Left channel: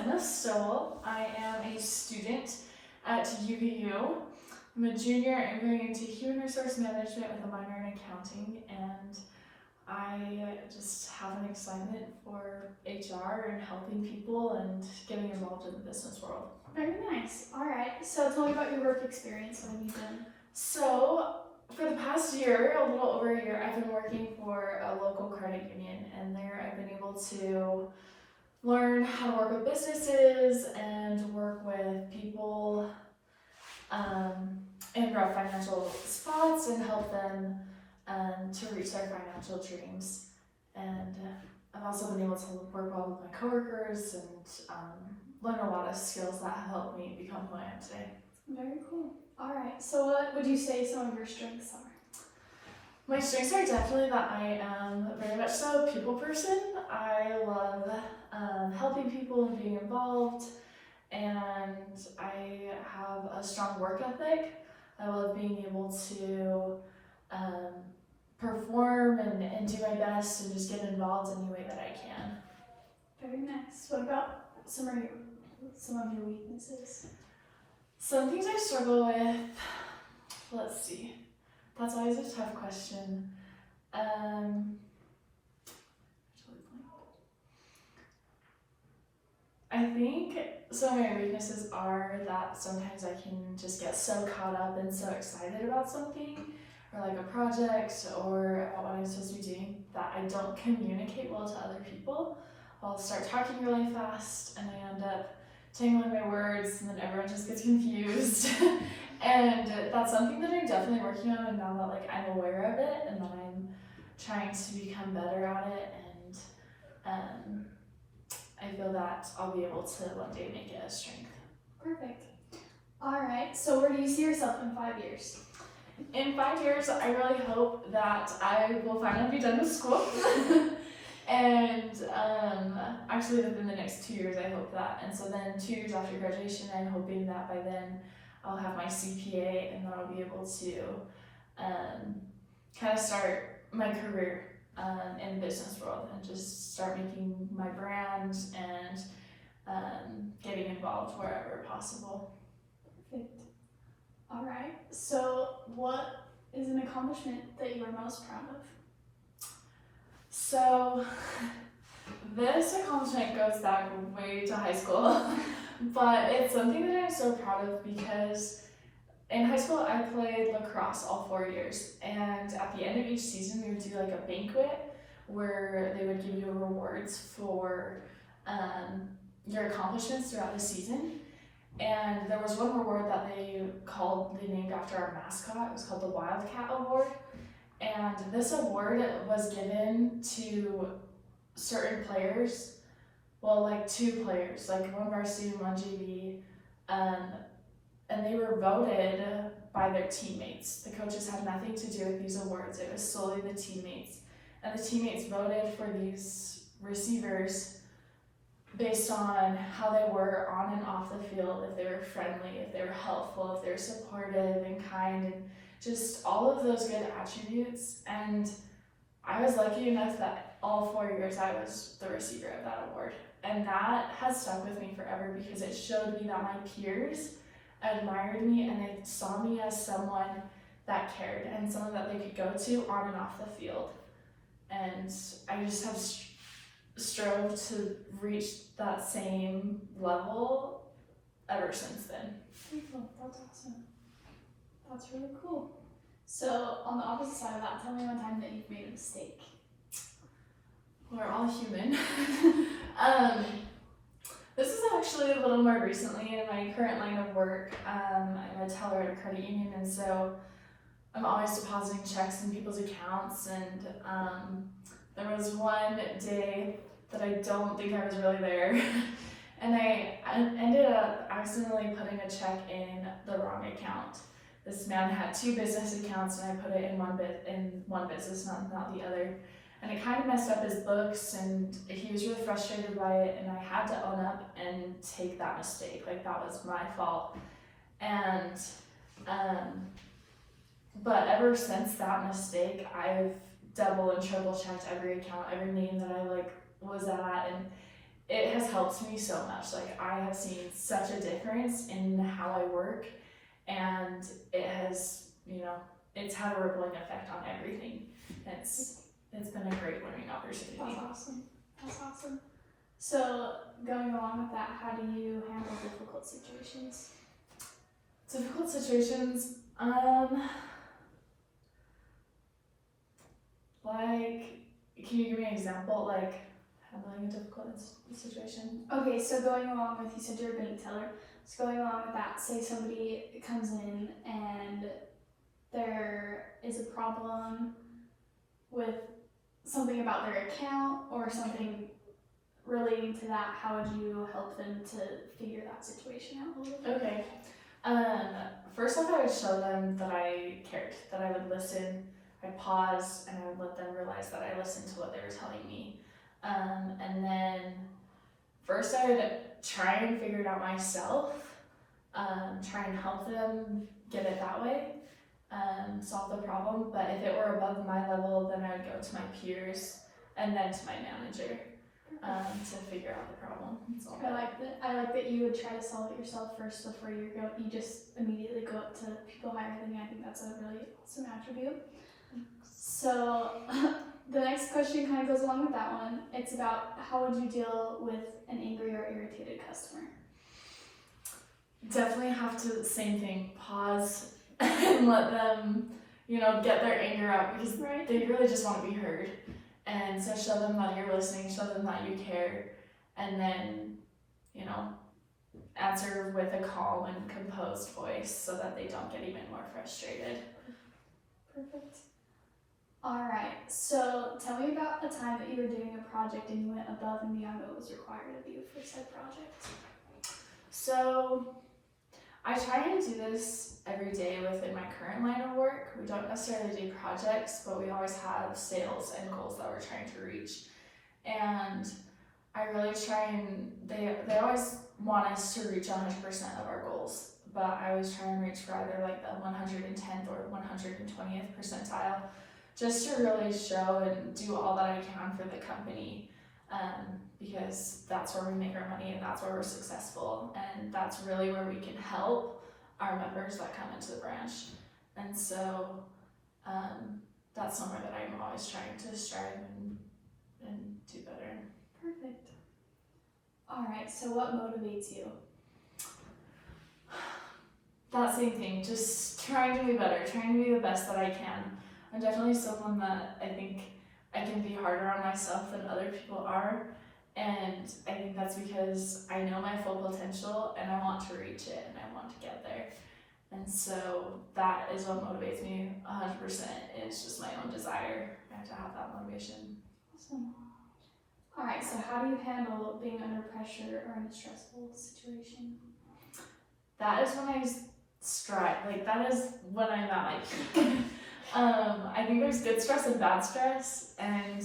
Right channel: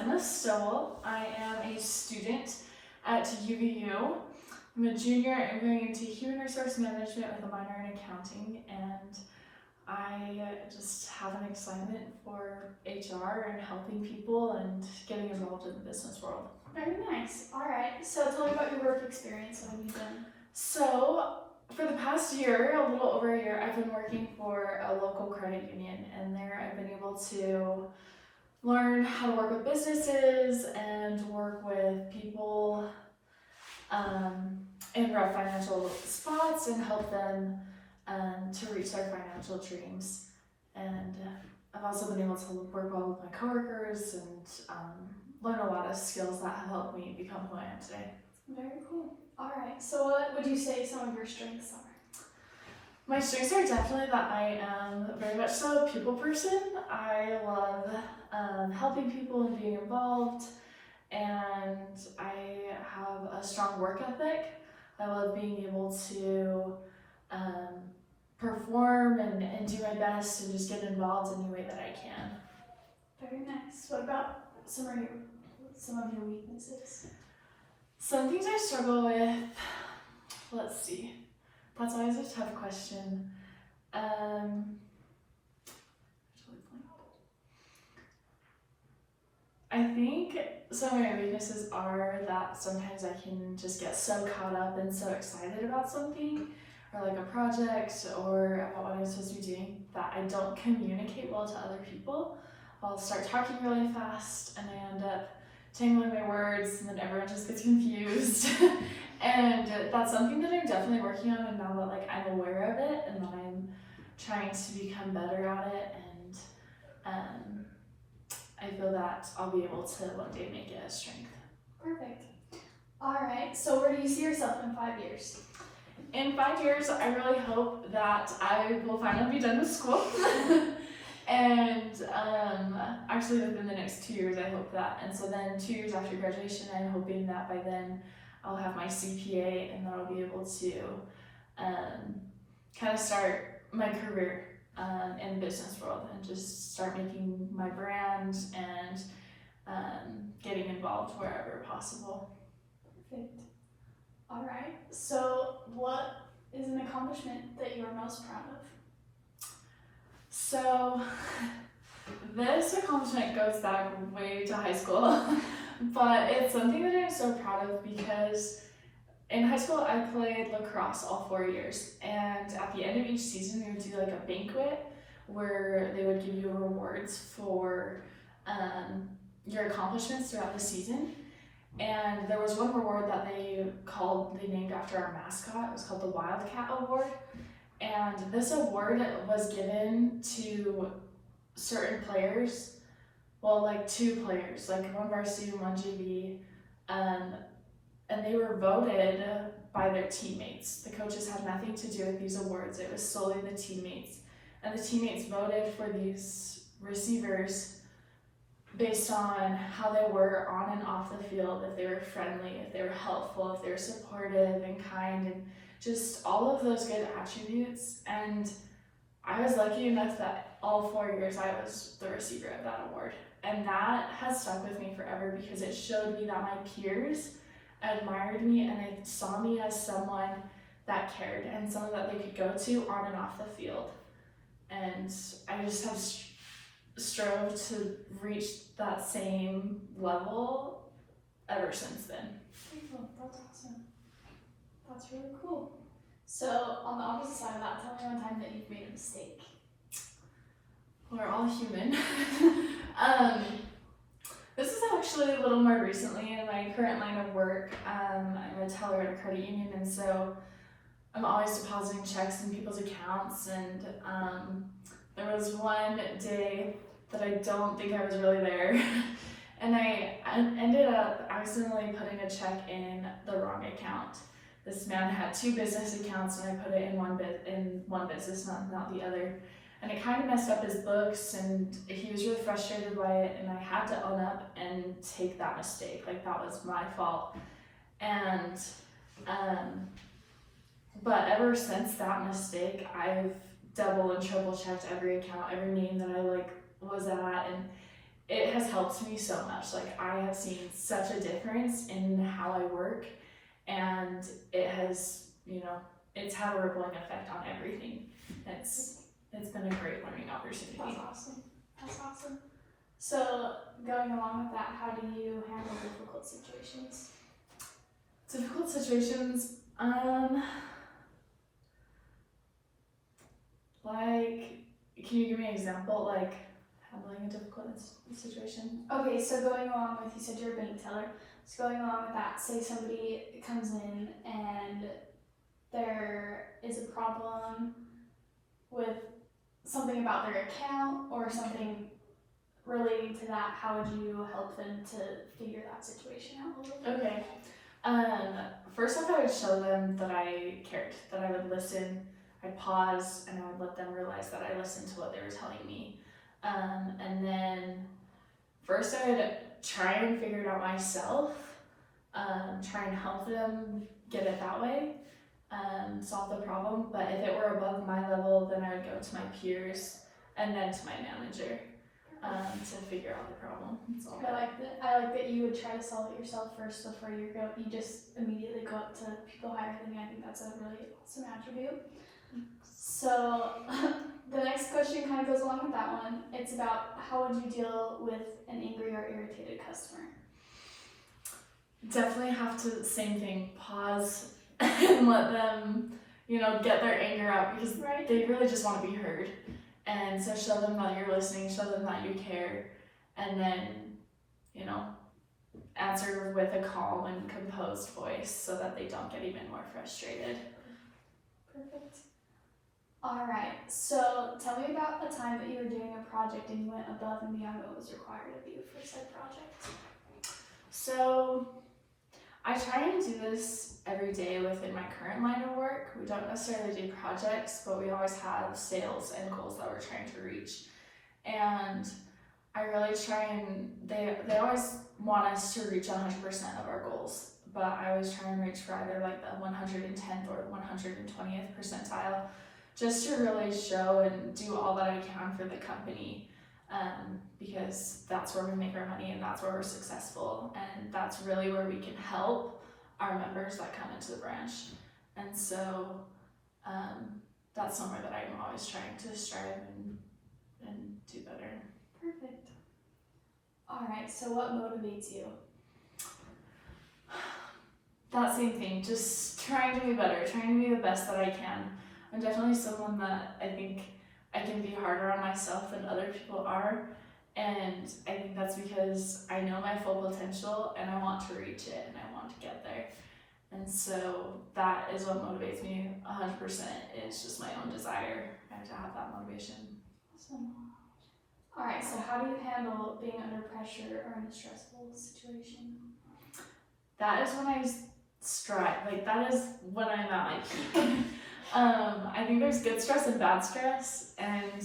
Emma Stowell. I am a student at UVU. I'm a junior and going into human resource management with a minor in accounting, and I just have an excitement for HR and helping people and getting involved in the business world. Very nice. All right. So tell me about your work experience. What have you done? So for the past year, a little over a year, I've been working for a local credit union, and there I've been able to learn how to work with businesses and work with people in rough financial spots and help them to reach their financial dreams. And I've also been able to work well with my coworkers and learn a lot of skills that have helped me become who I am today. Very cool. All right. So what would you say some of your strengths are? My strengths are definitely that I am very much so a people person. I love helping people and being involved, and I have a strong work ethic. I love being able to perform and do my best and just get involved in any way that I can. Very nice. What about some of your weaknesses? Some things I struggle with, let's see, that's always a tough question. I think some of my weaknesses are that sometimes I can just get so caught up and so excited about something, or like a project, or about what I'm supposed to be doing, that I don't communicate well to other people. I'll start talking really fast and I end up tangling my words, and then everyone just gets confused. And that's something that I'm definitely working on, and now that like I'm aware of it and that I'm trying to become better at it, and I feel that I'll be able to one day make it a strength. Perfect. All right. So where do you see yourself in 5 years? In 5 years, I really hope that I will finally be done with school. And actually within the next 2 years, I hope that. And so then 2 years after graduation, I'm hoping that by then I'll have my CPA, and then I'll be able to kind of start my career in the business world and just start making my brand and getting involved wherever possible. Perfect. All right. So what is an accomplishment that you are most proud of? So this accomplishment goes back way to high school, but it's something that I'm so proud of because in high school I played lacrosse all 4 years, and at the end of each season we would do like a banquet where they would give you rewards for your accomplishments throughout the season. And there was one reward that they named after our mascot. It was called the Wildcat Award. And this award was given to certain players, well, like 2 players, like one varsity and one JV, and they were voted by their teammates. The coaches had nothing to do with these awards. It was solely the teammates. And the teammates voted for these receivers based on how they were on and off the field, if they were friendly, if they were helpful, if they were supportive and kind, and just all of those good attributes. And I was lucky enough that all 4 years I was the receiver of that award. And that has stuck with me forever because it showed me that my peers admired me and they saw me as someone that cared and someone that they could go to on and off the field. And I just have strove to reach that same level ever since then. That's awesome. That's really cool. So on the opposite side of that, tell me one time that you've made a mistake. We're all human. This is actually a little more recently in my current line of work. I'm a teller at a credit union, and so I'm always depositing checks in people's accounts, and there was one day that I don't think I was really there, and I ended up accidentally putting a check in the wrong account. This man had 2 business accounts, and I put it in one business, not the other. And it kind of messed up his books, and he was really frustrated by it, and I had to own up and take that mistake. Like, that was my fault. And but ever since that mistake, I've double and triple checked every account, every name that I was at, and it has helped me so much. Like, I have seen such a difference in how I work, and it has, it's had a rippling effect on everything. It's been a great learning opportunity. That's awesome. So, going along with that, how do you handle difficult situations? Difficult situations, like, can you give me an example, like, handling a difficult situation? Okay, so going along with, you said you're a bank teller, so going along with that, say somebody comes in and there is a problem with something about their account or something relating to that, how would you help them to figure that situation out a little bit? Okay. First off, I would show them that I cared, that I would listen, I'd pause, and I would let them realize that I listened to what they were telling me. And then first I would try and figure it out myself, try and help them get it that way, solve the problem. But if it were above my level, then I would go to my peers and then to my manager to figure out the problem. I like that you would try to solve it yourself first before you just immediately go up to people higher than you. I think that's a really awesome attribute. So the next question kind of goes along with that one. It's about how would you deal with an angry or irritated customer? Definitely have to, same thing, pause and let them, get their anger out, because they really just want to be heard. And so show them that you're listening, show them that you care, and then, answer with a calm and composed voice so that they don't get even more frustrated. Perfect. Alright, so tell me about the time that you were doing a project and you went above and beyond what was required of you for said project. So I try and do this every day within my current line of work. We don't necessarily do projects, but we always have sales and goals that we're trying to reach. And I really try and, they always want us to reach 100% of our goals, but I always try and reach for either like the 110th or 120th percentile, just to really show and do all that I can for the company, because that's where we make our money and that's where we're successful, and that's really where we can help our members that come into the branch. And so that's somewhere that I'm always trying to strive and do better. Perfect. Alright, so what motivates you? That same thing, just trying to be better, trying to be the best that I can. I'm definitely someone that I think I can be harder on myself than other people are, and I think that's because I know my full potential and I want to reach it and I want to get there. And so that is what motivates me 100%, is just my own desire. I have to have that motivation. Awesome. Alright, so how do you handle being under pressure or in a stressful situation? That is when I strive, that is when I'm at my peak. I think there's good stress and bad stress, and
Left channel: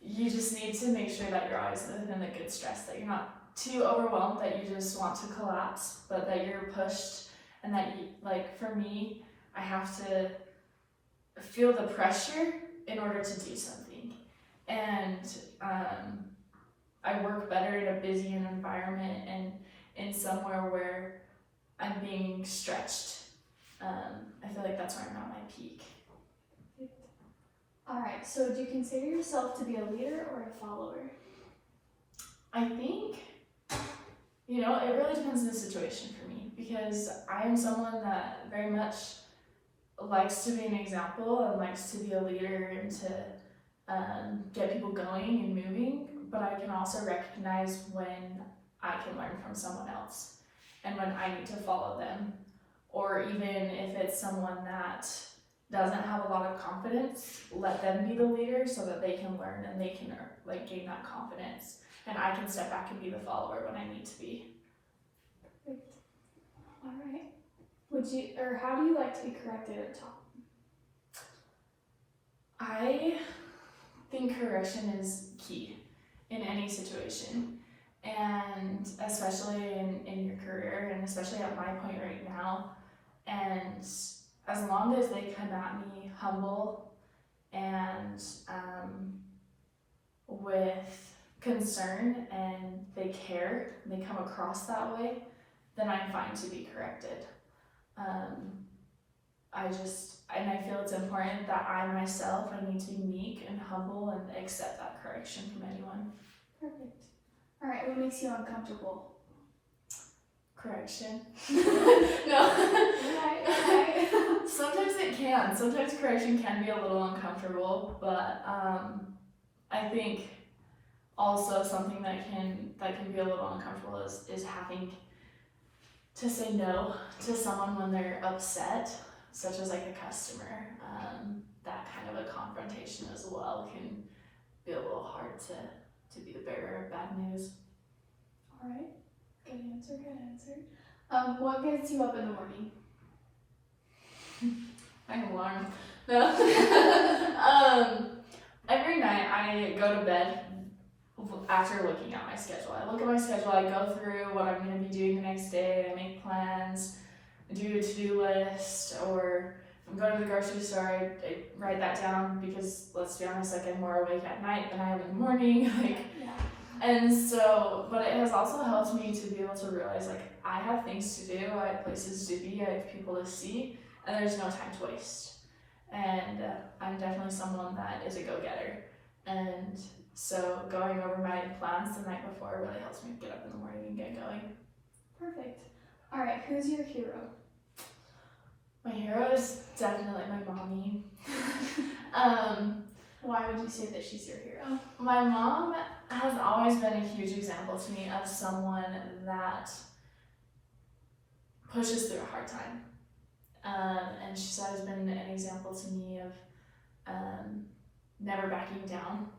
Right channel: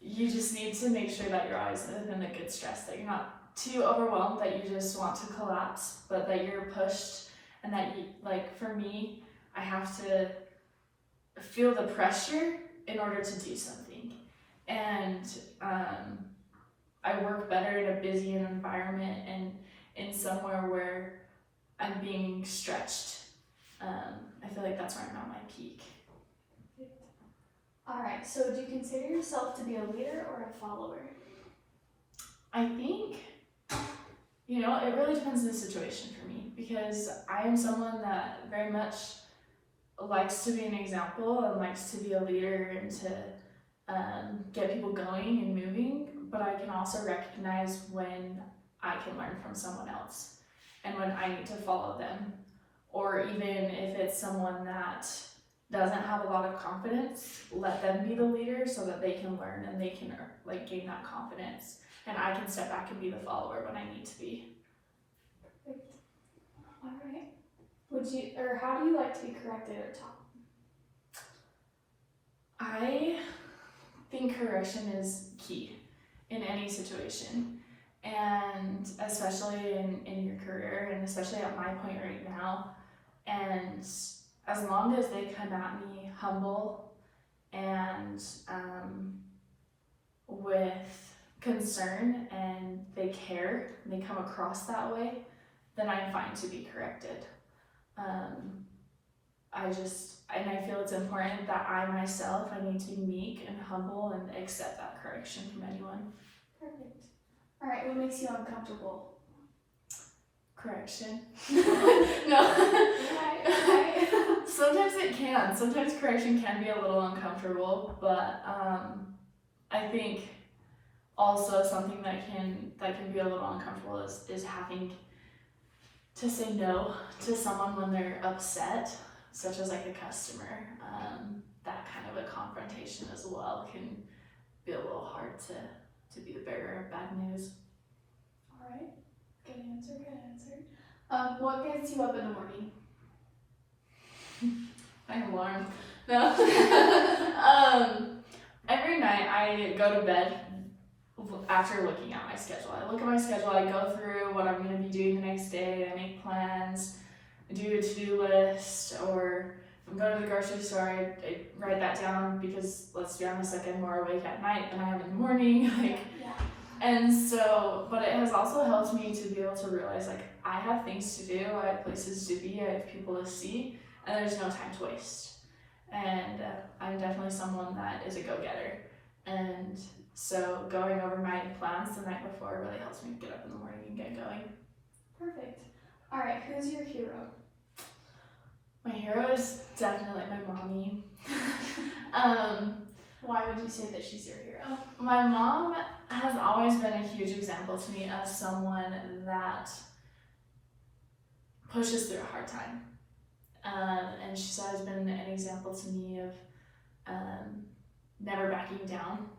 you just need to make sure that you're always within the good stress, that you're not too overwhelmed that you just want to collapse, but that you're pushed, and that you, for me, I have to feel the pressure in order to do something. And I work better in a busy environment and in somewhere where I'm being stretched. I feel like that's where I'm at my peak. Alright, so do you consider yourself to be a leader or a follower? I think, it really depends on the situation for me, because I am someone that very much likes to be an example and likes to be a leader and to get people going and moving, but I can also recognize when I can learn from someone else and when I need to follow them, or even if it's someone that doesn't have a lot of confidence, let them be the leader so that they can learn and they can gain that confidence, and I can step back and be the follower when I need to be. Perfect. Alright. How do you like to be corrected or taught? I think correction is key in any situation, and especially in your career, and especially at my point right now. And as long as they come at me humble and with concern and they care and they come across that way, then I'm fine to be corrected. I feel it's important that I myself, I need to be meek and humble and accept that correction from anyone. Perfect. All right, what makes you uncomfortable? Correction. No. Right. Sometimes it can. Sometimes correction can be a little uncomfortable, but I think also something that can be a little uncomfortable is having to say no to someone when they're upset, such as like a customer. That kind of a confrontation as well can be a little hard to be the bearer of bad news. All right. Good answer. What gets you up in the morning? My alarm. No. Every night I go to bed after looking at my schedule. I look at my schedule, I go through what I'm going to be doing the next day, I make plans, I do a to-do list, or if I'm going to the grocery store, I write that down because, let's be honest, like I'm more awake at night than I am in the morning. Yeah. And so, but it has also helped me to be able to realize, like, I have things to do, I have places to be, I have people to see, and there's no time to waste. And I'm definitely someone that is a go-getter. And so going over my plans the night before really helps me get up in the morning and get going. Perfect. All right, who's your hero? My hero is definitely my mommy. Why would you say that she's your hero? My mom has always been a huge example to me of someone that pushes through a hard time. And she's always been an example to me of never backing down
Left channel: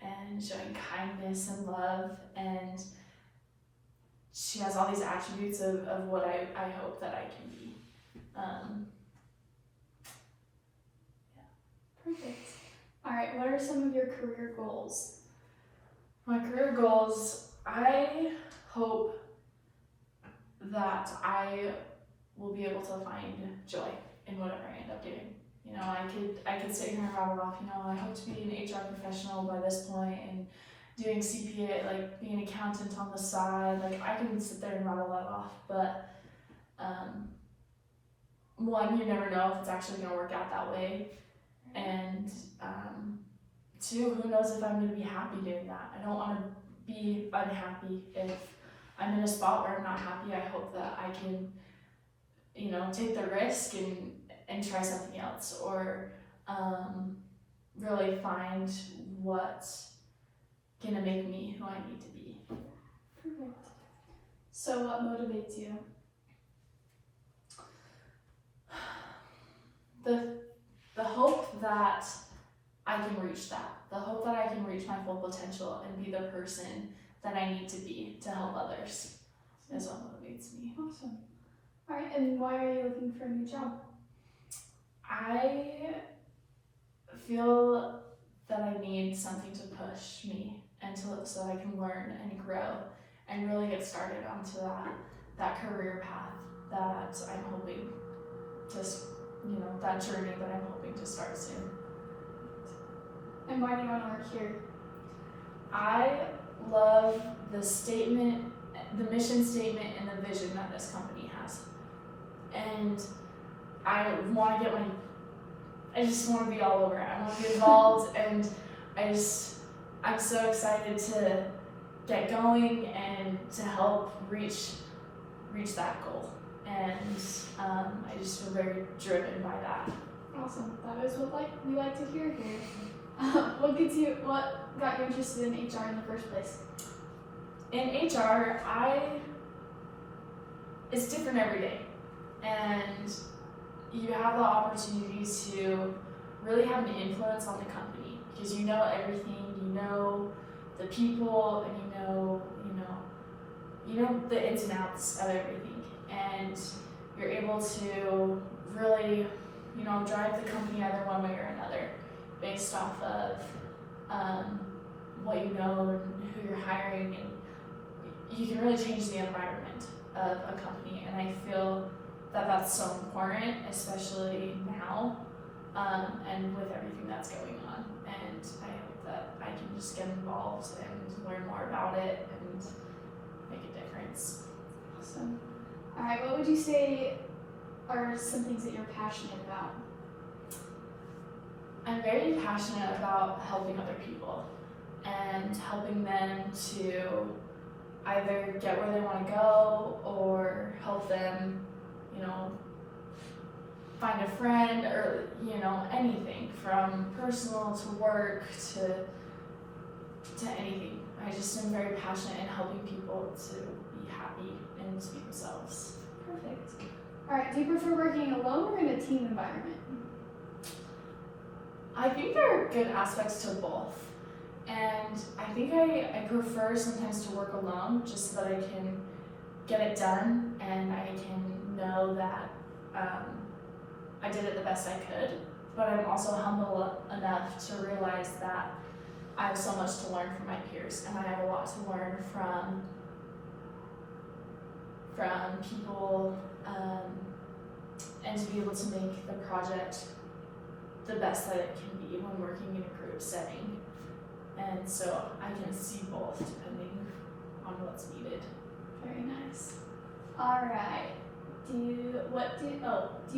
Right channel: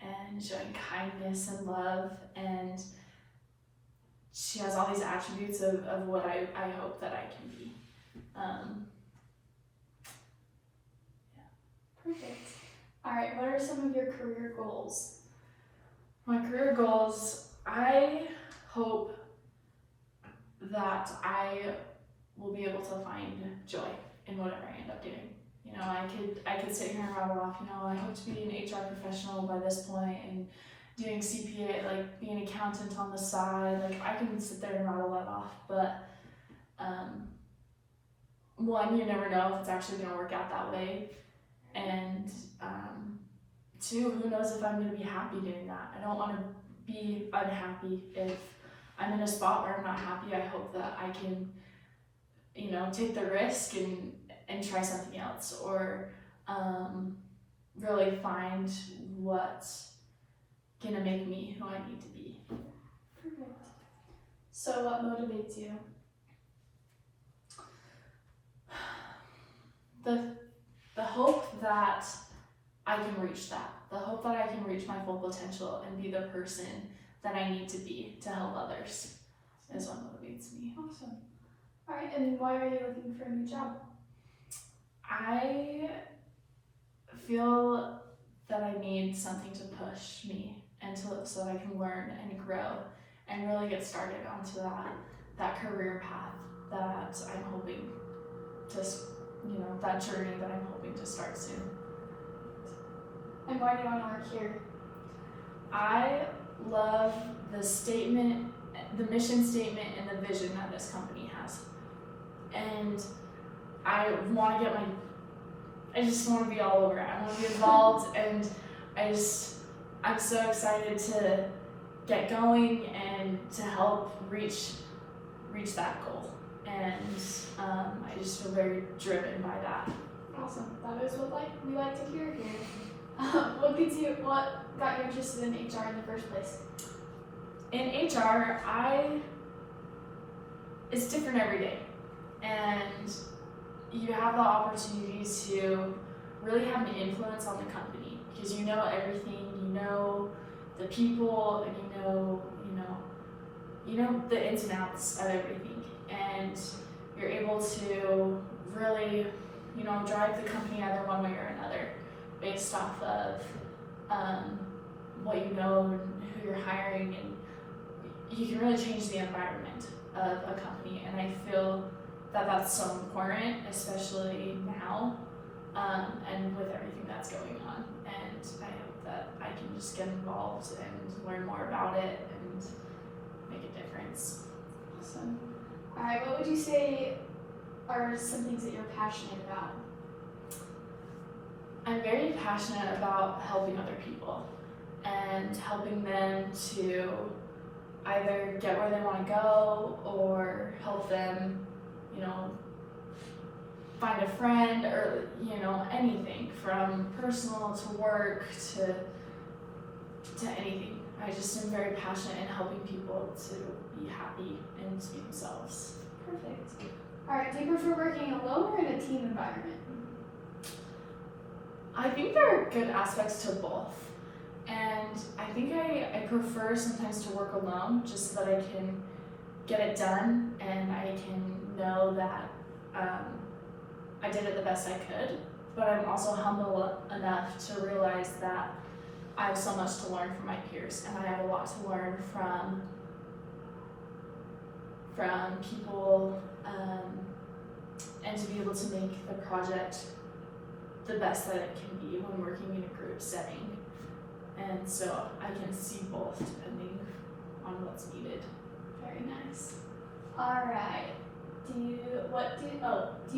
and showing kindness and love. And she has all these attributes of what I hope that I can be. Perfect. All right, what are some of your career goals? My career goals, I hope that I will be able to find joy in whatever I end up doing. You know, I could sit here and rattle off, you know, I hope to be an HR professional by this point and doing CPA, like being an accountant on the side. Like I can sit there and rattle that off, but one, you never know if it's actually gonna work out that way. And two, who knows if I'm gonna be happy doing that. I don't wanna be unhappy if I'm in a spot where I'm not happy. I hope that I can, you know, take the risk and try something else, or really find what's gonna make me who I need to be. Perfect. So what motivates you? The hope that I can reach that. The hope that I can reach my full potential and be the person that I need to be to help others is what motivates me. Awesome. All right, and why are you looking for a new job? I feel that I need something to push me and so I can learn and grow and really get started onto that career path that I'm hoping to, you know, that journey that I'm hoping to start soon. And why do you want to work here? I love the statement, the mission statement, and the vision that this company has. And I want to I just want to be all over it. I want to be involved, and I'm so excited to get going and to help reach that goal. And I just feel very driven by that. Awesome. That is what we like to hear here. What got you interested in HR in the first place? In HR, it's different every day, and you have the opportunity to really have an influence on the company because you know everything, you know the people, and you know the ins and outs of everything, and you're able to really, you know, drive the company either one way or another based off of what you know and who you're hiring, and you can really change the environment of a company. And I feel that that's so important, especially now, and with everything that's going on. And I hope that I can just get involved and learn more about it and make a difference. Awesome. All right, what would you say are some things that you're passionate about? I'm very passionate about helping other people and helping them to either get where they want to go or help them, find a friend or, anything from personal to work to anything. I just am very passionate in helping people to be happy and to be themselves. Perfect. All right, do you prefer working alone or in a team environment? I think there are good aspects to both. And I think I prefer sometimes to work alone just so that I can get it done and I can know that I did it the best I could. But I'm also humble enough to realize that I have so much to learn from my peers and I have a lot to learn from people and to be able to make the project the best that it can be when working in a group setting. And so I can see both depending on what's needed. Very nice. All right. Do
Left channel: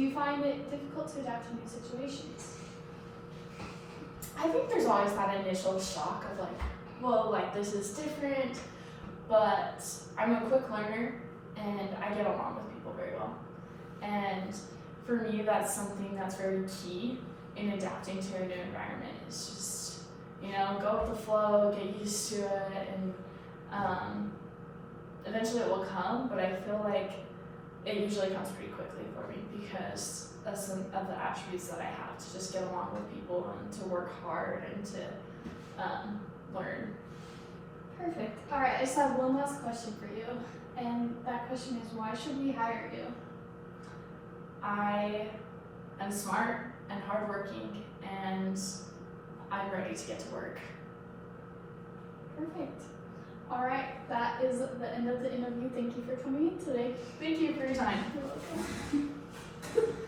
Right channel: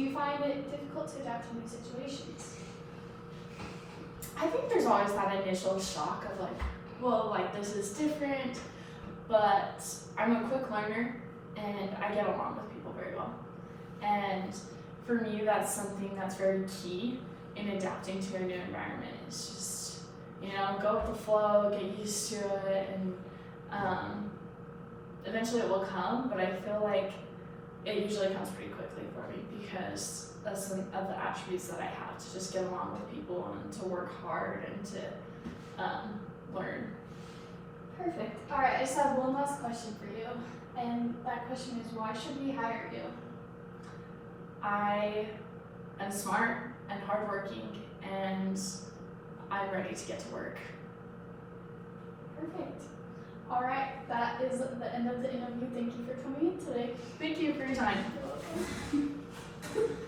you find it difficult to adapt to new situations? I think there's always that initial shock of this is different, but I'm a quick learner and I get along with people very well. And for me, that's something that's very key in adapting to a new environment. It's just, go with the flow, get used to it, and eventually it will come, but I feel like it usually comes pretty quickly for me because that's some of the attributes that I have, to just get along with people and to work hard and to learn. Perfect. All right, I just have one last question for you, and that question is, why should we hire you? I am smart and hardworking, and I'm ready to get to work. Perfect. All right, that is the end of the interview. Thank you for coming in today. Thank you for your time. You're welcome.